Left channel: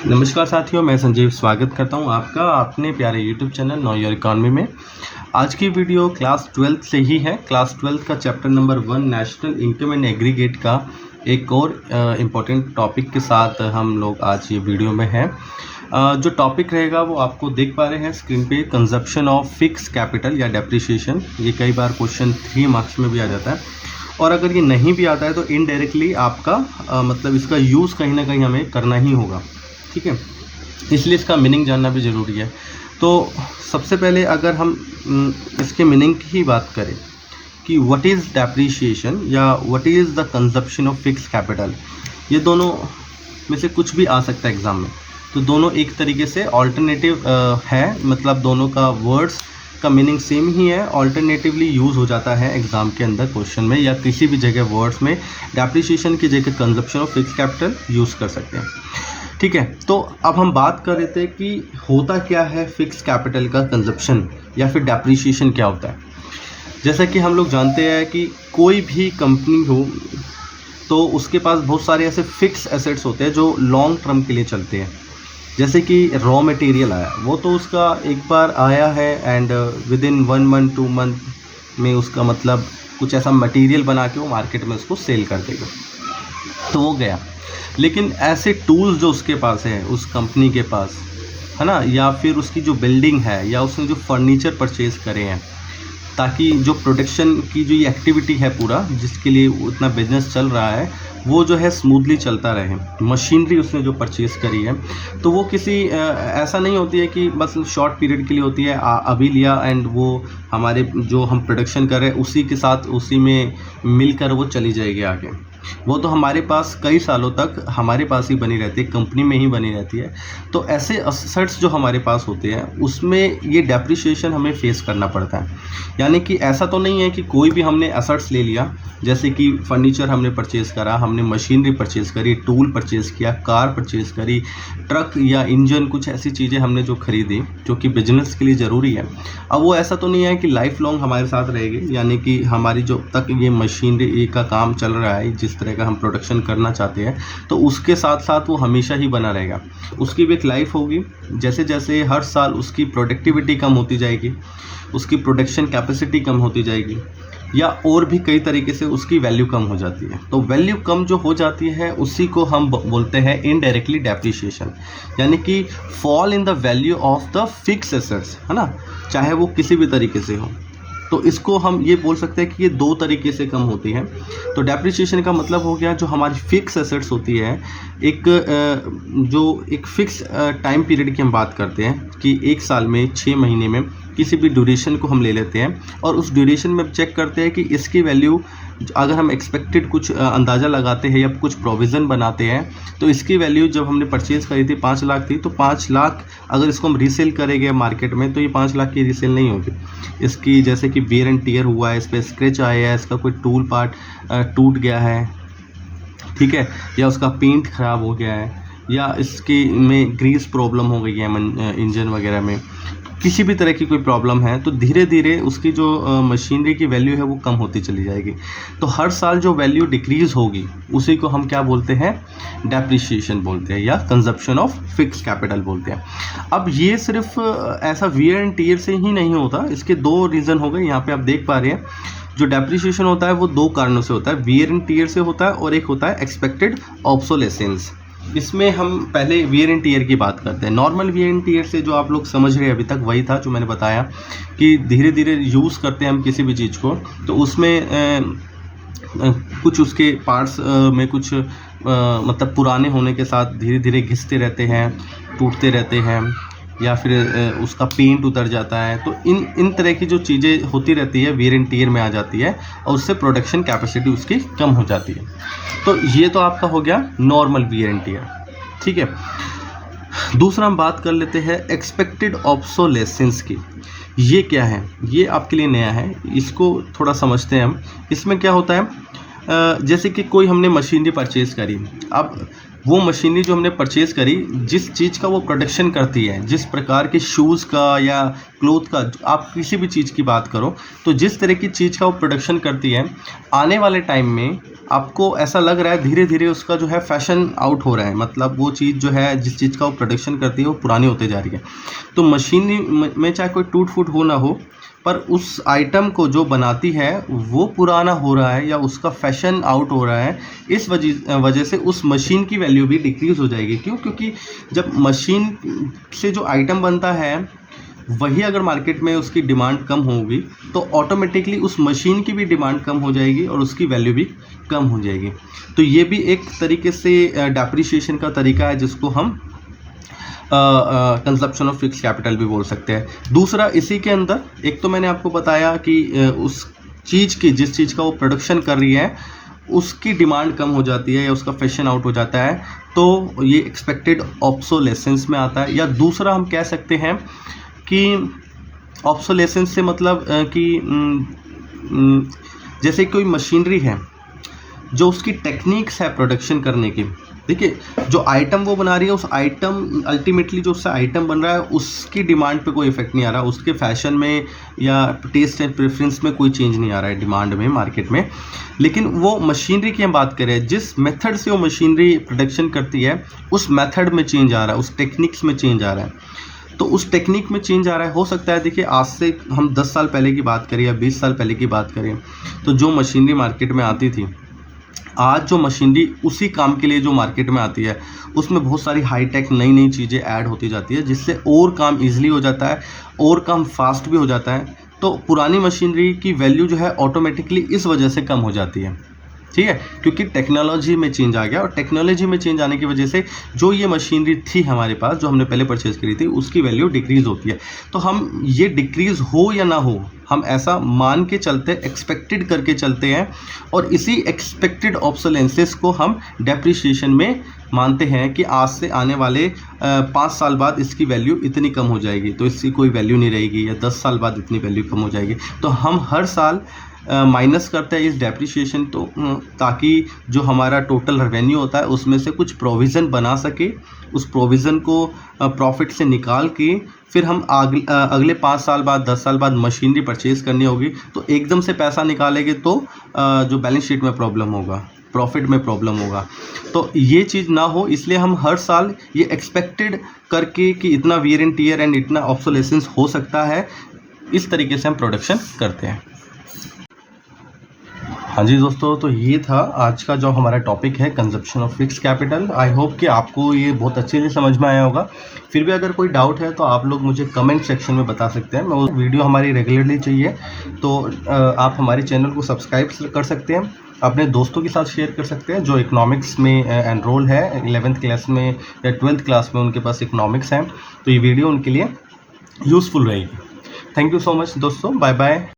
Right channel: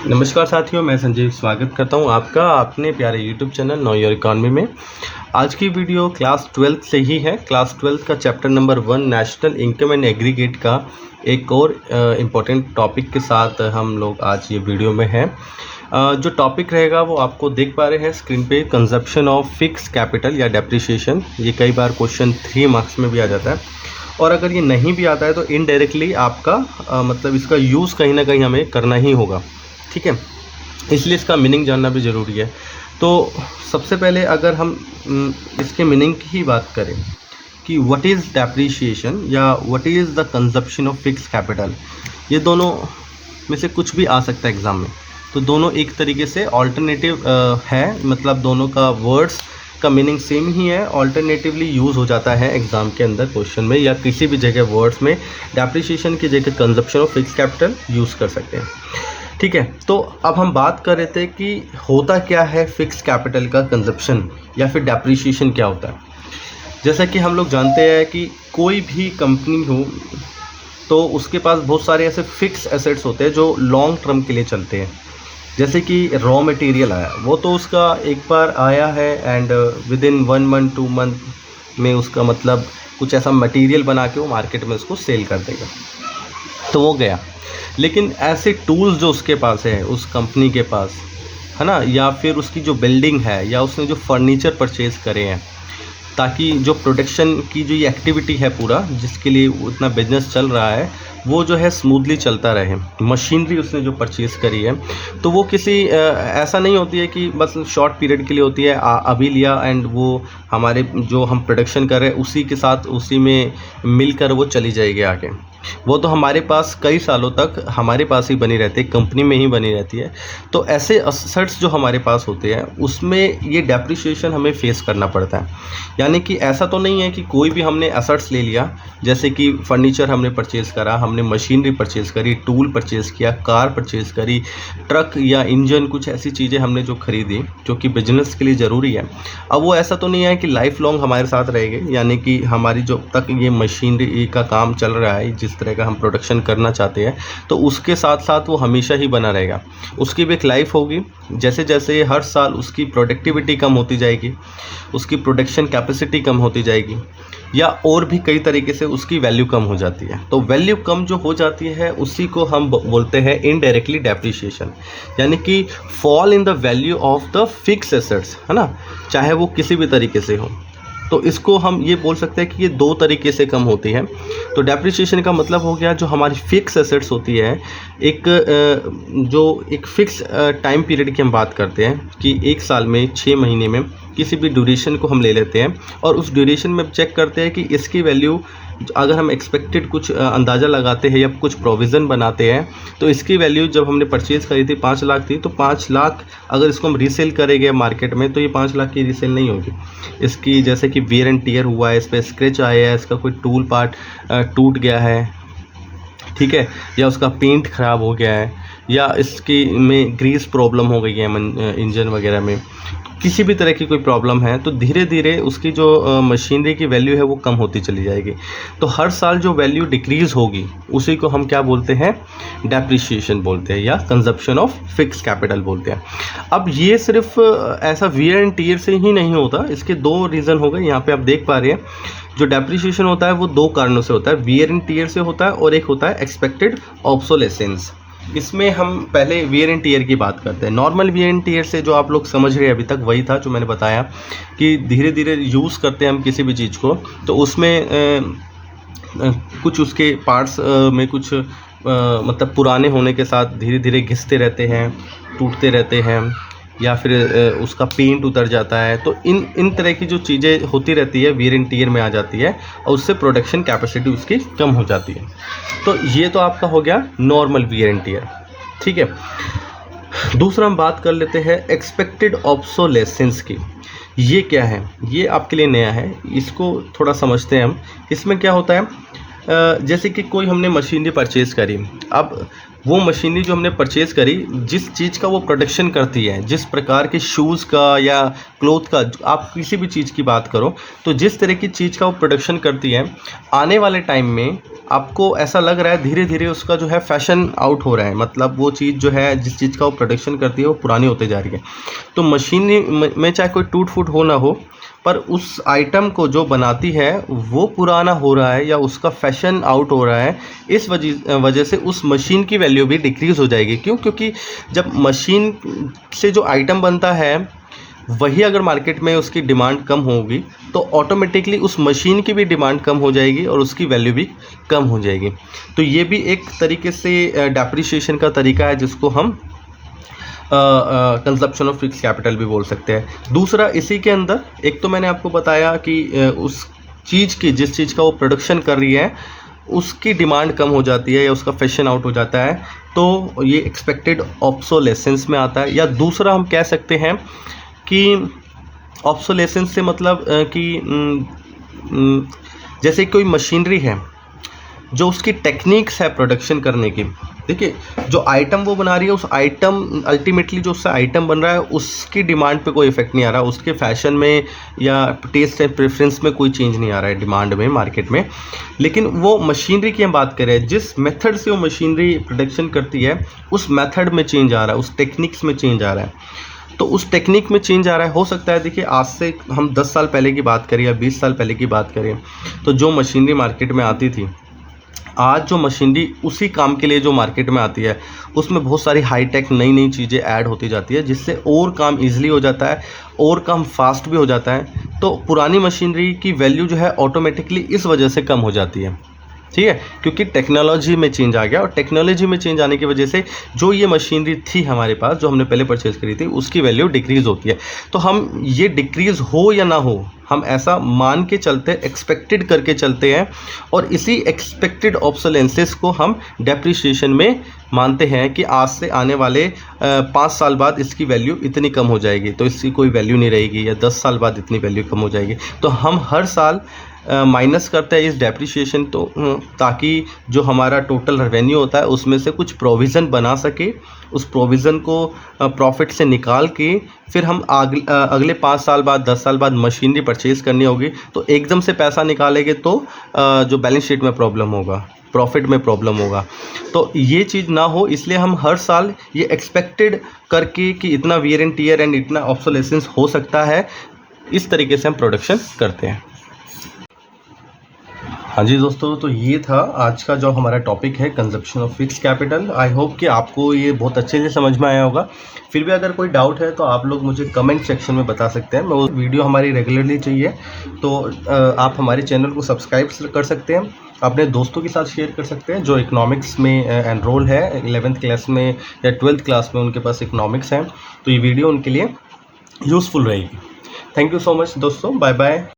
नमस्कार साथियों, मैं संजीव स्वागत करता हूं आपका अपने प्यारे YouTube channel know your economy में। आज की वीडियो क्लास 12 से ही है। क्लास 12 का chapter number 1 national income and aggregate का एक और इम्पोर्टेंट टॉपिक के साथ हम लोग आज ये वीडियो में हैं। जो टॉपिक रहेगा वो आपको देख पा रहे हैं स्क्रीन पे, कंजप्शन ऑफ फिक्स कैपिटल या डेप्रिसिएशन। ये कई बार क्वेश्चन 3 मार्क्स में भी आ जाता है, और अगर ये नहीं भी आता है तो इनडायरेक्टली आपका मतलब इसका यूज़ कहीं ना कहीं हमें करना ही होगा, ठीक है। इसलिए इसका मीनिंग जानना भी ज़रूरी है। तो सबसे पहले अगर हम इसके मीनिंग की ही बात करें कि व्हाट इज़ डेप्रिसिएशन या what is the consumption of fix capital, ये दोनों में से कुछ भी आ सकता है एग्ज़ाम में। तो दोनों एक तरीके से ऑल्टरनेटिव है, मतलब दोनों का वर्ड्स का मीनिंग सेम ही है, ऑल्टरनेटिवली यूज़ हो जाता है एग्ज़ाम के अंदर क्वेश्चन में या किसी भी जगह वर्ड्स में डेप्रिसिएशन की जगह consumption of fix capital use कर सकते हैं, ठीक है। तो अब हम बात कर रहे थे कि होता क्या है फिक्स कैपिटल का कंजप्शन या फिर डेप्रिसिएशन क्या होता है। जैसा कि हम लोग जानते हैं कि कोई भी कंपनी हो तो उसके पास बहुत सारे ऐसे फिक्स एसेट्स होते हैं जो लॉन्ग टर्म के लिए चलते हैं। जैसे कि रॉ मटेरियल आया, वो तो उसका एक बार आया है and with in 1 month 2 month में उसका मतलब कुछ ऐसा मटेरियल बना के वो मार्केट में उसको सेल कर देगा, तो वो गया। लेकिन ऐसे टूल्स जो उसके पास है, उस कंपनी के पास है ना, या फिर उसकी जो बिल्डिंग है या उसने जो फर्नीचर परचेज़ करे हैं ताकि जो प्रोडक्शन की जो ये एक्टिविटी है पूरा जिसके लिए उतना बिजनेस चल रहा है वो जो है स्मूथली चलता रहे, मशीनरी उसने जो परचेज़ करी है तो वो किसी ऐसा नहीं होती है कि बस शॉर्ट पीरियड के लिए होती है, अभी लिया एंड वो हमारे जो हम प्रोडक्शन कर रहे हैं उसी के साथ उसी में मिलकर वो चली जाएगी आगे। वो तो हमारे पास कई सालों तक हमारे पास ही बनी रहती है, कंपनी में ही बनी रहती है। तो ऐसे असेट्स जो हमारे पास होते हैं उसमें ये डेप्रिसिएशन हमें फेस करना पड़ता है। यानी कि ऐसा तो नहीं है कि कोई भी हमने एसेट्स ले लिया, जैसे कि फर्नीचर हमने परचेज़ करा, हमने मशीनरी परचेज़ करी, टूल परचेज़ किया, कार परचेज़ करी, ट्रक या इंजन, कुछ ऐसी चीज़ें हमने जो खरीदी जो कि बिजनेस के लिए ज़रूरी है। अब वो ऐसा तो नहीं है कि लाइफ लॉन्ग हमारे साथ रहेगी, यानी कि हमारी जो तक ये मशीनरी का काम चल रहा है, जिस तरह का हम प्रोडक्शन करना चाहते हैं तो उसके साथ साथ वो हमेशा ही बना रहेगा। उसकी भी एक लाइफ होगी। जैसे जैसे हर साल उसकी प्रोडक्टिविटी कम होती जाएगी, उसकी प्रोडक्शन कैपेसिटी कम होती जाएगी, या और भी कई तरीके से उसकी वैल्यू कम हो जाती है। तो वैल्यू कम जो हो जाती है उसी को हम बोलते हैं इनडायरेक्टली डेप्रिसिएशन, यानी कि fall in the value of the fix assets, है ना, चाहे वो किसी भी तरीके से हो। तो इसको हम ये बोल सकते हैं कि ये 2 तरीके से कम होती है। तो डेप्रिसिएशन का मतलब हो गया जो हमारी फिक्स एसेट्स होती है, जो एक फिक्स टाइम पीरियड की हम बात करते हैं कि 1 साल में 6 महीने में किसी भी ड्यूरेशन को हम ले लेते हैं और उस ड्यूरेशन में चेक करते हैं कि इसकी वैल्यू, अगर हम एक्सपेक्टेड कुछ अंदाज़ा लगाते हैं या कुछ प्रोविज़न बनाते हैं तो इसकी वैल्यू जब हमने परचेज़ करी थी 5 लाख थी, तो 5 लाख अगर इसको हम रीसेल करेंगे मार्केट में तो ये 5 लाख की रीसेल नहीं होगी। इसकी जैसे कि वेयर एंड टियर हुआ है, इस पर स्क्रैच आया है, इसका कोई टूल पार्ट टूट गया है, ठीक है, या उसका पेंट ख़राब हो गया है, या इसकी में ग्रीस प्रॉब्लम हो गई है इंजन वगैरह में, किसी भी तरह की कोई प्रॉब्लम है तो धीरे धीरे उसकी जो मशीनरी की वैल्यू है वो कम होती चली जाएगी। तो हर साल जो वैल्यू डिक्रीज़ होगी उसी को हम क्या बोलते हैं, डेप्रिसिएशन बोलते हैं या कंजप्शन ऑफ फिक्स कैपिटल बोलते हैं। अब ये सिर्फ ऐसा वियर एंड टियर से ही नहीं होता, इसके 2 रीज़न हो गए। यहाँ पे आप देख पा रहे हैं जो डेप्रिसिएशन होता है वो 2 कारणों से होता है, वियर एंड टियर से होता है और एक होता है एक्सपेक्टेड ऑब्सोलेसेंस। इसमें हम पहले वियर एंड टियर की बात करते हैं। नॉर्मल वियर एंड टियर से जो आप लोग समझ रहे हैं अभी तक वही था जो मैंने बताया कि धीरे धीरे यूज़ करते हैं हम किसी भी चीज़ को, तो उसमें कुछ उसके पार्ट्स में कुछ मतलब पुराने होने के साथ धीरे धीरे घिसते रहते हैं, टूटते रहते हैं, या फिर उसका पेंट उतर जाता है। तो इन तरह की जो चीज़ें होती रहती है वियर एंड टियर में आ जाती है और उससे प्रोडक्शन कैपेसिटी उसकी कम हो जाती है। तो ये तो आपका हो गया नॉर्मल वियर एंड टियर, ठीक है। दूसरा हम बात कर लेते हैं एक्सपेक्टेड ऑब्सोलेसेंस की। ये क्या है, ये आपके लिए नया है, इसको थोड़ा समझते हैं हम। इसमें क्या होता है, जैसे कि कोई हमने मशीनरी परचेज़ करी, अब वो मशीनरी जो हमने परचेज़ करी, जिस चीज़ का वो प्रोडक्शन करती है, जिस प्रकार के शूज़ का या क्लोथ का, आप किसी भी चीज़ की बात करो, तो जिस तरह की चीज़ का वो प्रोडक्शन करती है, आने वाले टाइम में आपको ऐसा लग रहा है धीरे धीरे उसका जो है फैशन आउट हो रहा है। मतलब वो चीज़ जो है, जिस चीज़ का वो प्रोडक्शन करती है, वो पुरानी होते जा रही है। तो मशीनरी में चाहे कोई टूट फूट हो ना हो, पर उस आइटम को जो बनाती है वो पुराना हो रहा है या उसका फैशन आउट हो रहा है। इस वजह से उस मशीन की वैल्यू भी डिक्रीज़ हो जाएगी। क्यों? क्योंकि जब मशीन से जो आइटम बनता है वही अगर मार्केट में उसकी डिमांड कम होगी, तो ऑटोमेटिकली उस मशीन की भी डिमांड कम हो जाएगी और उसकी वैल्यू भी कम हो जाएगी। तो ये भी एक तरीके से डेप्रिसिएशन का तरीका है, जिसको हम कंजप्शन ऑफ फिक्स कैपिटल भी बोल सकते हैं। दूसरा, इसी के अंदर एक तो मैंने आपको बताया कि उस चीज़ की, जिस चीज़ का वो प्रोडक्शन कर रही है, उसकी डिमांड कम हो जाती है या उसका फैशन आउट हो जाता है, तो ये एक्सपेक्टेड ऑब्सोलेसेंस में आता है। या दूसरा हम कह सकते हैं कि ऑब्सोलेसेंस से मतलब जैसे कोई मशीनरी है, जो उसकी टेक्निक्स है प्रोडक्शन करने की, देखिए जो आइटम वो बना रही है, उस आइटम अल्टीमेटली जो उससे आइटम बन रहा है, उसकी डिमांड पे कोई इफेक्ट नहीं आ रहा, उसके फैशन में या टेस्ट एंड प्रेफरेंस में कोई चेंज नहीं आ रहा है डिमांड में, मार्केट में। लेकिन वो मशीनरी की हम बात करें, जिस मेथड से वो मशीनरी प्रोडक्शन करती है, उस मेथड में चेंज आ रहा है, उस टेक्निक्स में चेंज आ रहा है। तो उस टेक्निक में चेंज आ रहा है। हो सकता है, देखिए आज से हम 10 साल पहले की बात करें या 20 साल पहले की बात करें, तो जो मशीनरी मार्केट में आती थी, आज जो मशीनरी उसी काम के लिए जो मार्केट में आती है, उसमें बहुत सारी हाईटेक नई नई चीज़ें ऐड होती जाती है, जिससे और काम इजीली हो जाता है, और काम फास्ट भी हो जाता है। तो पुरानी मशीनरी की वैल्यू जो है ऑटोमेटिकली इस वजह से कम हो जाती है, ठीक है, क्योंकि टेक्नोलॉजी में चेंज आ गया, और टेक्नोलॉजी में चेंज आने की वजह से जो ये मशीनरी थी हमारे पास, जो हमने पहले परचेज़ करी थी, उसकी वैल्यू डिक्रीज़ होती है। तो हम ये डिक्रीज़ हो या ना हो, हम ऐसा मान के चलते, एक्सपेक्टेड करके चलते हैं, और इसी एक्सपेक्टेड ऑब्सोलेंसेस को हम डेप्रिसिएशन में मानते हैं कि आज से आने वाले 5 साल बाद इसकी वैल्यू इतनी कम हो जाएगी, तो इसकी कोई वैल्यू नहीं रहेगी, या 10 साल बाद इतनी वैल्यू कम हो जाएगी। तो हम हर साल माइनस करते हैं इस डेप्रिसिएशन, तो ताकि जो हमारा टोटल रेवेन्यू होता है उसमें से कुछ प्रोविज़न बना सके, उस प्रोविज़न को प्रॉफिट से निकाल के फिर हम अगले 5 साल बाद, 10 साल बाद मशीनरी परचेज़ करनी होगी, तो एकदम से पैसा निकालेंगे तो जो बैलेंस शीट में प्रॉब्लम होगा, प्रॉफिट में प्रॉब्लम होगा। तो ये चीज़ ना हो, इसलिए हम हर साल ये एक्सपेक्टेड करके कि इतना वियर एंड टियर एंड इतना ऑब्सोलेसेंस हो सकता है, इस तरीके से हम प्रोडक्शन करते हैं। हाँ जी दोस्तों, तो ये था आज का जो हमारा टॉपिक है, consumption of fix capital. I hope कि आपको ये बहुत अच्छे से समझ में आया होगा। फिर भी अगर कोई डाउट है तो आप लोग मुझे कमेंट सेक्शन में बता सकते हैं। मैं वीडियो हमारी रेगुलरली चाहिए, तो आप हमारे चैनल को सब्सक्राइब कर सकते हैं, अपने दोस्तों के साथ शेयर कर सकते हैं जो इकोनॉमिक्स में एनरोल है, 11th क्लास में या 12th क्लास में उनके पास इकोनॉमिक्स है, तो ये वीडियो उनके लिए यूज़फुल रहेगी। थैंक यू सो मच दोस्तों, बाय बाय।